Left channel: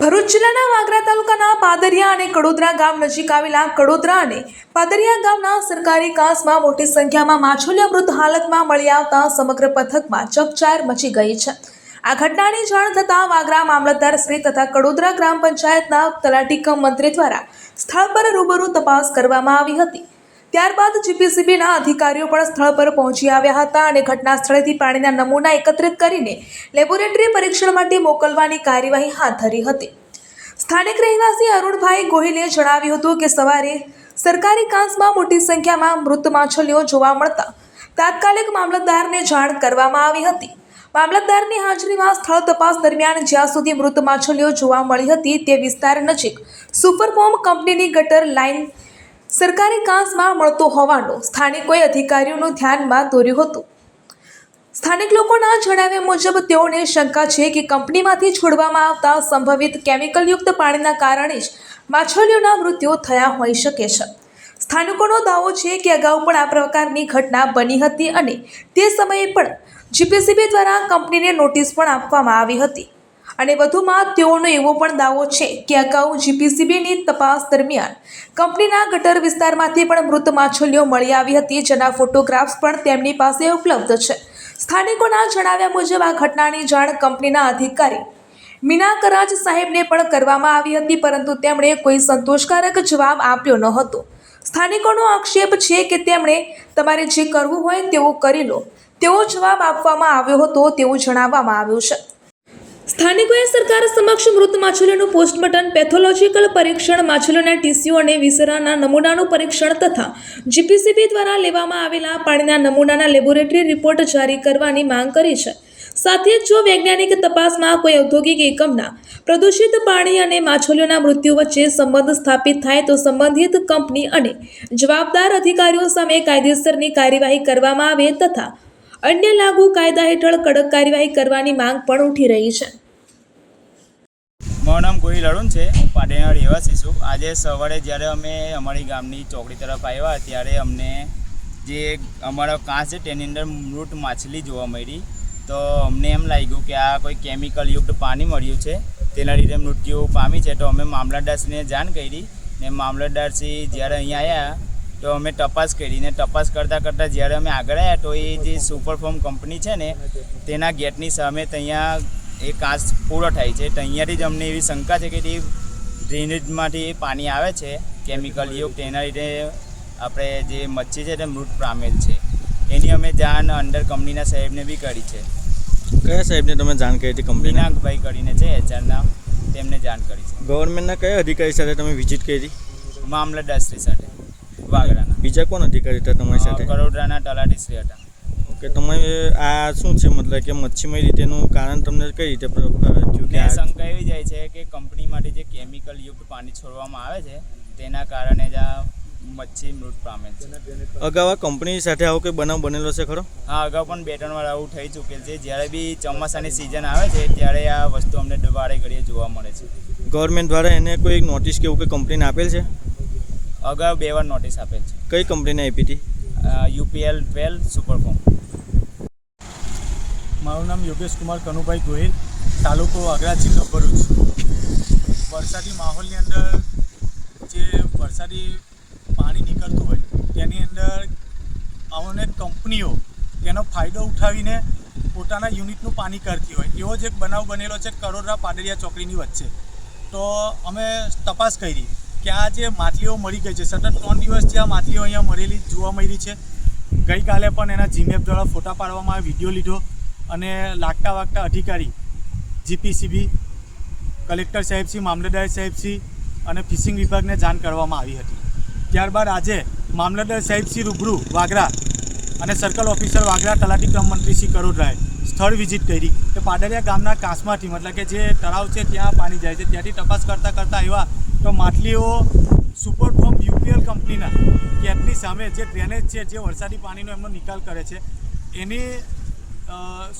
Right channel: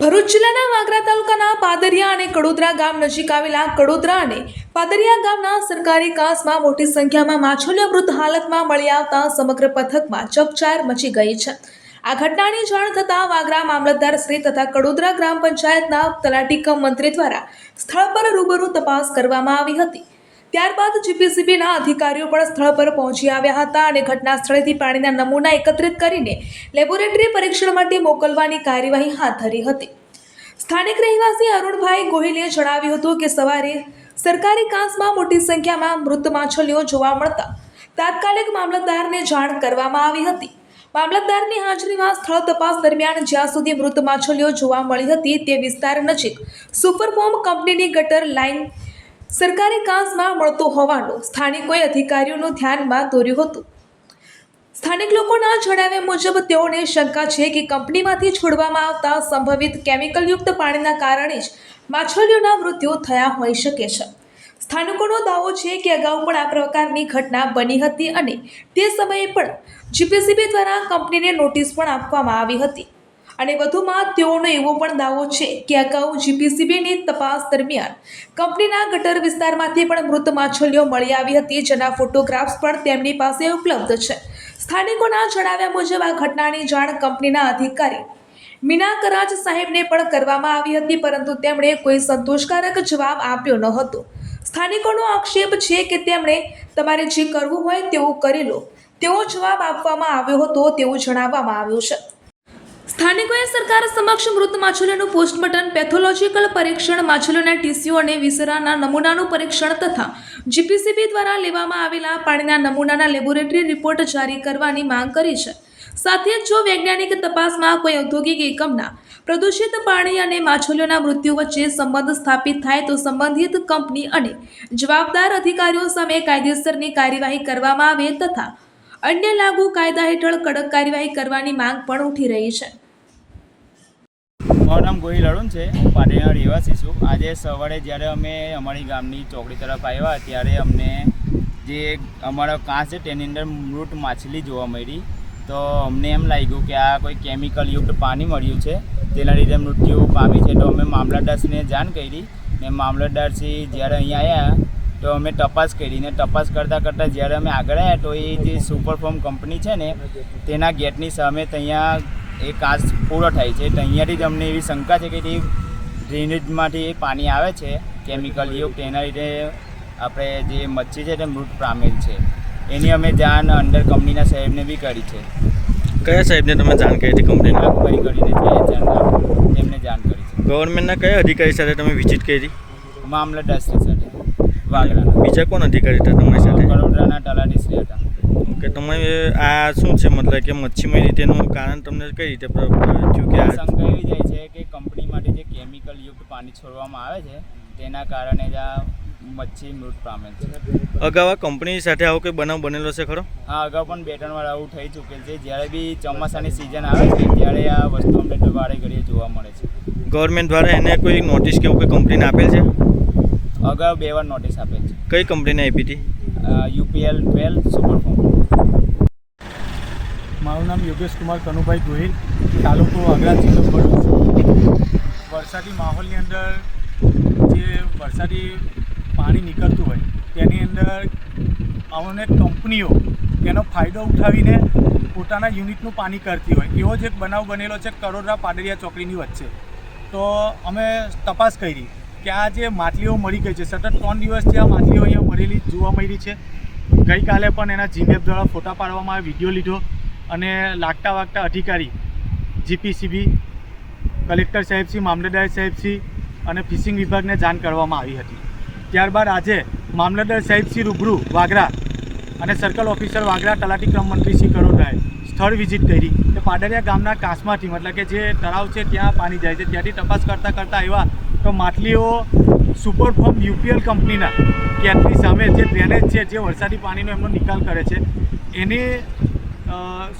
ભરૂચ જિલ્લાના વાગરા તાલુકાના પાદરિયા અને કડોદરા ગામ નજીક આવેલા કડોદરા અને પાદરિયા ગામના સરકારી કાંસમાં મોટી સંખ્યામાં માછલીઓ મૃત હાલતમાં મળી આવતા સમગ્ર પથકમાં ચકચાર મચી ગઈ છે। આ ઘટનાની જાણ થતાં વાગરા મામલતદાર શ્રી તથા કડોદરા ગ્રામ પંચાયતના તલાટી કમ મંત્રી દ્વારા સ્થળ પર રૂબરૂ તપાસ કરવામાં આવી હતી। ત્યારબાદ જીપીસીબીના અધિકારીઓ પણ સ્થળ પર પહોંચી આવ્યા હતા અને ઘટના સ્થળેથી પાણીના નમૂના એકત્રિત કરીને લેબોરેટરી પરીક્ષણ માટે મોકલવાની કાર્યવાહી હાથ ધરી હતી। સ્થાનિક રહેવાસી અરુણભાઈ ગોહિલે જણાવ્યું હતું કે સવારે સરકારી કાંસમાં મોટી સંખ્યામાં મૃત માછલીઓ જોવા મળતા તાત્કાલિક મામલતદારને જાણ કરવામાં આવી હતી। મામલતદારની હાજરીમાં સ્થળ તપાસ દરમિયાન જ્યાં સુધી મૃત માછલીઓ જોવા મળી હતી તે વિસ્તાર નજીક સુપરફોર્મ કંપનીની ગટર લાઇન સરકારી કાંસમાં મળતો હોવાનું સ્થાનિકોએ અધિકારીઓનું ધ્યાનમાં દોર્યું હતું। સ્થાનિક લોકોના જણાવ્યા મુજબ તેઓને શંકા છે કે કંપનીમાંથી છોડવામાં આવતા સંભવિત કેમિકલયુક્ત પાણીના કારણે જ માછલીઓના મૃત્યુ થયા હોઈ શકે છે। સ્થાનિકોનો દાવો છે કે અગાઉ પણ આ પ્રકારની ઘટના બની હતી અને તે સમયે પણ જીપીસીબી દ્વારા કંપનીને નોટિસ પણ આપવામાં આવી હતી અને વધુમાં તેઓનો એવો પણ દાવો છે કે અગાઉ જીપીસીબીની તપાસ દરમિયાન કંપનીના ગટર વિસ્તારમાંથી પણ મૃત માછલીઓ મળી આવી હતી, જેના ફોટોગ્રાફ્સ પણ તેમની પાસે ઉપલબ્ધ છે। સ્થાનિકોના જણાવ્યા મુજબ આ ઘટનાની જાણ કંપનીના અધિકારી મીના કરાજ સાહેબને પણ કરવામાં આવી હતી, પરંતુ તેમણે કોઈ સંતોષકારક જવાબ આપ્યો ન હતો। સ્થાનિકોનો આક્ષેપ છે કે તેમણે તમારે જે કરવું હોય તેવું કરી લો તેવો જવાબ આપવામાં આવ્યો હતો તેવું જણાવવામાં આવ્યું છે। સ્થાનિકોએ સરકાર સમક્ષ મૃત માછલીઓનું પોસ્ટમોર્ટમ, પેથોલોજીકલ પરીક્ષણ, માછલીઓના ટીસ્યુ અને વિસરાના નમૂનાનું પરીક્ષણ તથા જીપીસીબી દ્વારા લેવામાં આવેલા પાણીના નમૂનાના લેબોરેટરી રિપોર્ટ જારી કરવાની માંગ કરી છે। સાથે જ જો વૈજ્ઞાનિક તપાસમાં કોઈ ઔદ્યોગિક એકમના પ્રદૂષિત પાણી અને માછલીઓના મૃત્યુ વચ્ચે સંબંધ સ્થાપિત થાય તો સંબંધિત કંપની અને જવાબદાર અધિકારીઓ સામે કાયદેસરની કાર્યવાહી કરવામાં આવે તથા અન્ય લાગુ કાયદા હેઠળ કડક કાર્યવાહી કરવાની માંગ પણ ઉઠી રહી છે। મારું નામ ગોહિલ અરુણ છે, હું પાટણના રહેવાસી છું। આજે સવારે જ્યારે અમે અમારી ગામની ચોકડી તરફ આવ્યા ત્યારે અમને જે અમારો કાંસ છે તેની અંદર મૃત માછલી જોવા મળી, તો અમને એમ લાગ્યું કે આ કોઈ કેમિકલયુક્ત પાણી મળ્યું છે, તેના લીધે મૃત્યુ પામી છે। તો અમે મામલતદારશ્રીને જાણ કરી ને મામલતદારશ્રી જ્યારે અહીંયા આવ્યા તો અમે તપાસ કરી ને તપાસ કરતાં જ્યારે અમે આગળ આવ્યા તો એ જે સુપરફોર્મ કંપની છે ને તેના ગેટની સામે ત્યાં એ કાંસ પૂરો થાય છે, તો અહીંયાથી જ અમને એવી શંકા છે કે તે ડ્રેનેજમાંથી પાણી આવે છે કેમિકલયુક્ત, તેના લીધે આપણે જે મચ્છી છે તે મૃત પામેલ છે। એની અમે જાણ અંદર કંપનીના સાહેબને બી કરી છે। કયા સાહેબને તમે જાણ કરી હતી? કંપનીના ભાઈ કરીને છે એચઆરના, તેમને જાણ કરી છે। ગવર્મેન્ટના કયા અધિકારી સાથે તમે વિઝિટ કરી? મામલતદારશ્રી સાથે વાગરાના। બીજા કોણ અધિકારી હતા તમારી સાથે? કડોદરાના તલાટીશ્રી હતા। ઓકે, તમે આ શું છે મતલબ કે મચ્છીમય રીતેનું કારણ તમને કઈ રીતે થયું કે શંકા એવી જાય છે કે કંપનીમાંથી જે કેમિકલયુક્ત પાણી છોડવામાં આવે છે તેના કારણે જ આ મચ્છી મૃત પામેલ છે। અગાઉ આ કંપની સાથે આવો કોઈ બનાવ બનેલો છે ખરો? હા, અગાઉ પણ 2-3 વાર આવું થઈ ચૂકેલ છે। જ્યારે બી ચોમાસાની સિઝન આવે છે ત્યારે આ વસ્તુ અમને વારે ઘડીએ જોવા મળે છે। ગવર્મેન્ટ દ્વારા એને કોઈ નોટિસ કે એવું કોઈ કંપનીને આપેલ છે? અગાઉ 2 વાર નોટિસ આપેલ છે। કઈ કંપનીને આપી હતી? UPL 12 સુપરફોર્મ। મારું નામ યોગેશ કુમાર કનુભાઈ ગોહિલ, તાલુકો વાગરા, જિલ્લો ભરૂચ। વરસાદી માહોલની અંદર જે વરસાદી પાણી નીકળતું હોય તેની અંદર અનેક કંપનીઓ તેનો ફાયદો ઉઠાવીને પોતાના યુનિટનું પાણી કરતી હોય, એવો જ એક બનાવ બનેલો છે કડોદરા પાદરિયા ચોકડીની વચ્ચે। તો અમે તપાસ કરી કે આ જે માછલીઓ મળી ગઈ છે, સતત 3 દિવસથી આ માછલીઓ અહીંયા મળેલી જોવા મળી છે। ગઈકાલે પણ એના જીમેપ દ્વારા ફોટા પાડવામાં આવે, વિડીયો લીધો અને લાગતા વાગતા અધિકારી જીપીસીબી, કલેક્ટર સાહેબશ્રી, મામલતદાર સાહેબશ્રી અને ફિશિંગ વિભાગને જાણ કરવામાં આવી હતી। ત્યારબાદ આજે મામલતદાર સાહેબશ્રી રૂબરૂ વાગરા અને સર્કલ ઓફિસર વાગરા, તલાટી ક્રમ મંત્રી શ્રી કડોદરાએ સ્થળ વિઝિટ કરી કે પાદરિયા ગામના કાંસમાંથી મતલબ કે જે તળાવ છે ત્યાં પાણી જાય છે, ત્યાંથી તપાસ કરતાં આવ્યા તો માછલીઓ સુપરફોર્મ UPL કંપનીના ગેટની સામે જે ડ્રેનેજ છે, જે વરસાદી પાણીનો એમનો નિકાલ કરે છે, એની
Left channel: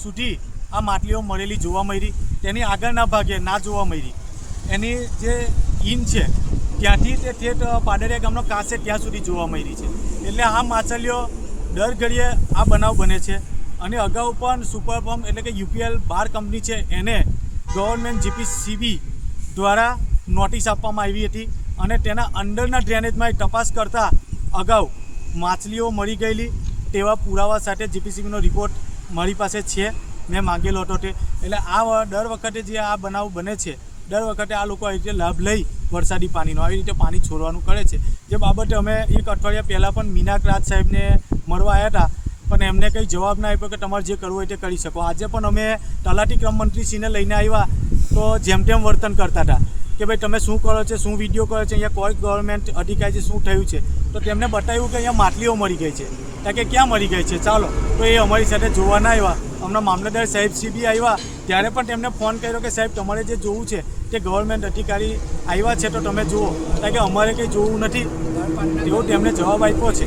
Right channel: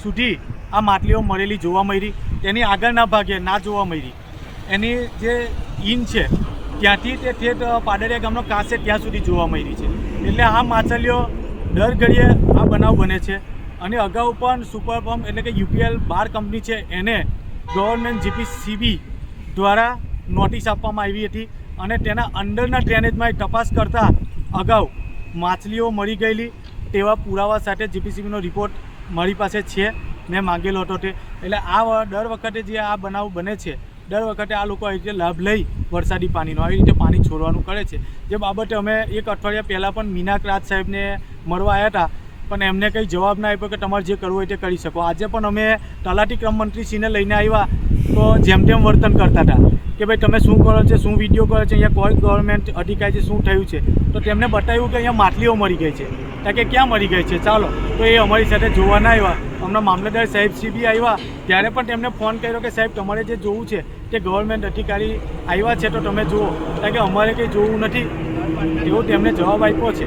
સુધી આ માછલીઓ મળેલી જોવા મળી। તેની આગળના ભાગે ના જોવા મળી, એની જે ઇન છે ત્યાંથી તે ઠેઠ પાદરિયા ગામનો કાંસ છે ત્યાં સુધી જોવા મળી છે। એટલે આ માછલીઓ દર ઘડીએ આ બનાવ બને છે અને અગાઉ પણ સુપરફોર્મ એટલે કે UPL 12 કંપની છે એને ગવર્મેન્ટ જીપીસીબી દ્વારા નોટિસ આપવામાં આવી હતી અને તેના અંદરના ડ્રેનેજમાં તપાસ કરતાં અગાઉ માછલીઓ મરી ગયેલી તેવા પુરાવા સાથે જીપીસીબીનો રિપોર્ટ મારી પાસે છે, મેં માંગેલો હતો તે. એટલે આ દર વખતે જે આ બનાવ બને છે, દર વખતે આ લોકો આવી રીતે લાભ લઈ વરસાદી પાણીનો આવી રીતે પાણી છોડવાનું કરે છે. જે બાબતે અમે એક અઠવાડિયા પહેલાં પણ મીનાક રાજ સાહેબને મળવા આવ્યા હતા, પણ એમને કંઈ જવાબ ના આપ્યો કે તમારે જે કરવું હોય તે કરી શકો. આજે પણ અમે તલાટી ક્રમ મંત્રીશ્રીને લઈને આવ્યા તો જેમ તેમ વર્તન કરતા હતા કે ભાઈ તમે શું કરો છો, શું વિડીયો કરો છો, અહીંયા કોઈ ગવર્મેન્ટ અધિકારી છે, શું થયું છે. તો તેમને બતાવ્યું કે અહીંયા માછલીઓ મરી ગઈ છે. ત્યાં કે ક્યાં મરી ગઈ છે, ચાલો. તો એ અમારી સાથે જોવા ના આવ્યા. હમણાં મામલતદાર સાહેબ બી આવ્યા ત્યારે પણ તેમને ફોન કર્યો કે સાહેબ તમારે જે જોવું છે તે ગવર્મેન્ટ અધિકારી આવ્યા છે તો તમે જુઓ, કારણ કે અમારે કંઈ જોવું નથી એવો તેમને જવાબ આપ્યો છે.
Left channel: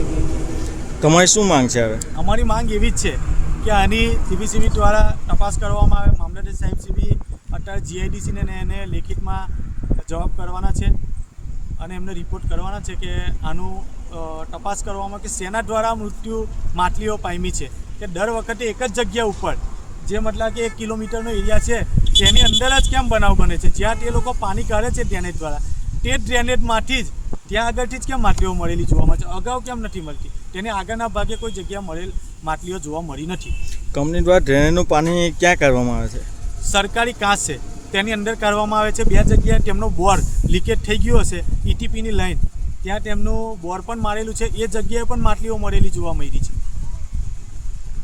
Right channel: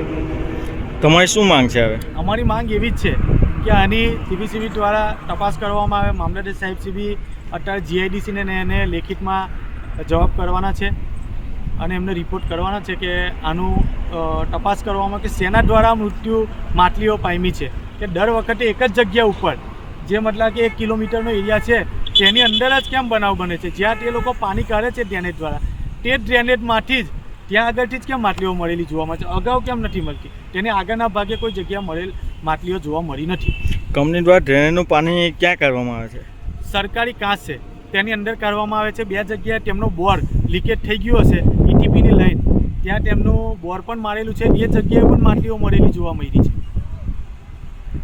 તમારી શું માંગ છે હવે? અમારી માંગ એવી જ છે કે આની જીપીસીબી દ્વારા તપાસ કરવામાં આવે. મામલતદાર સાહેબ બી અત્યારે જીઆઈડીસીને એને લેખિતમાં જવાબ કરવાના છે અને એમને રિપોર્ટ કરવાના છે કે આનું તપાસ કરવામાં કે શેના દ્વારા મૃત્યુ માછલીઓ પામી છે. કે દર વખતે એક જ જગ્યા ઉપર જે મતલબ કે 1 કિલોમીટરનો એરિયા છે તેની અંદર જ કેમ બનાવ બને છે, જ્યાં તે લોકો પાણી કાઢે છે ડ્રેનેજ દ્વારા, તે ડ્રેનેજમાંથી જ ત્યાં આગળથી જ કેમ માછલીઓ મળેલી જોવા મળે છે, અગાઉ કેમ નથી મળતી, તેની આગળના ભાગે કોઈ જગ્યા મળેલ માછલીઓ જોવા મળી નથી. કંપની દ્વારા ડ્રેનેજનું પાણી ક્યાં કાઢવામાં આવે છે? સરકારી કાંસ છે તેની અંદર કાઢવામાં આવે છે. 2 જગ્યાએ તેમનો બોર લીકેજ થઈ ગયો હશે, ઈટીપીની લાઈન, ત્યાં તેમનું બોર પણ મારેલું છે. એ જગ્યાએ પણ માછલીઓ મળેલી જોવા મળી છે.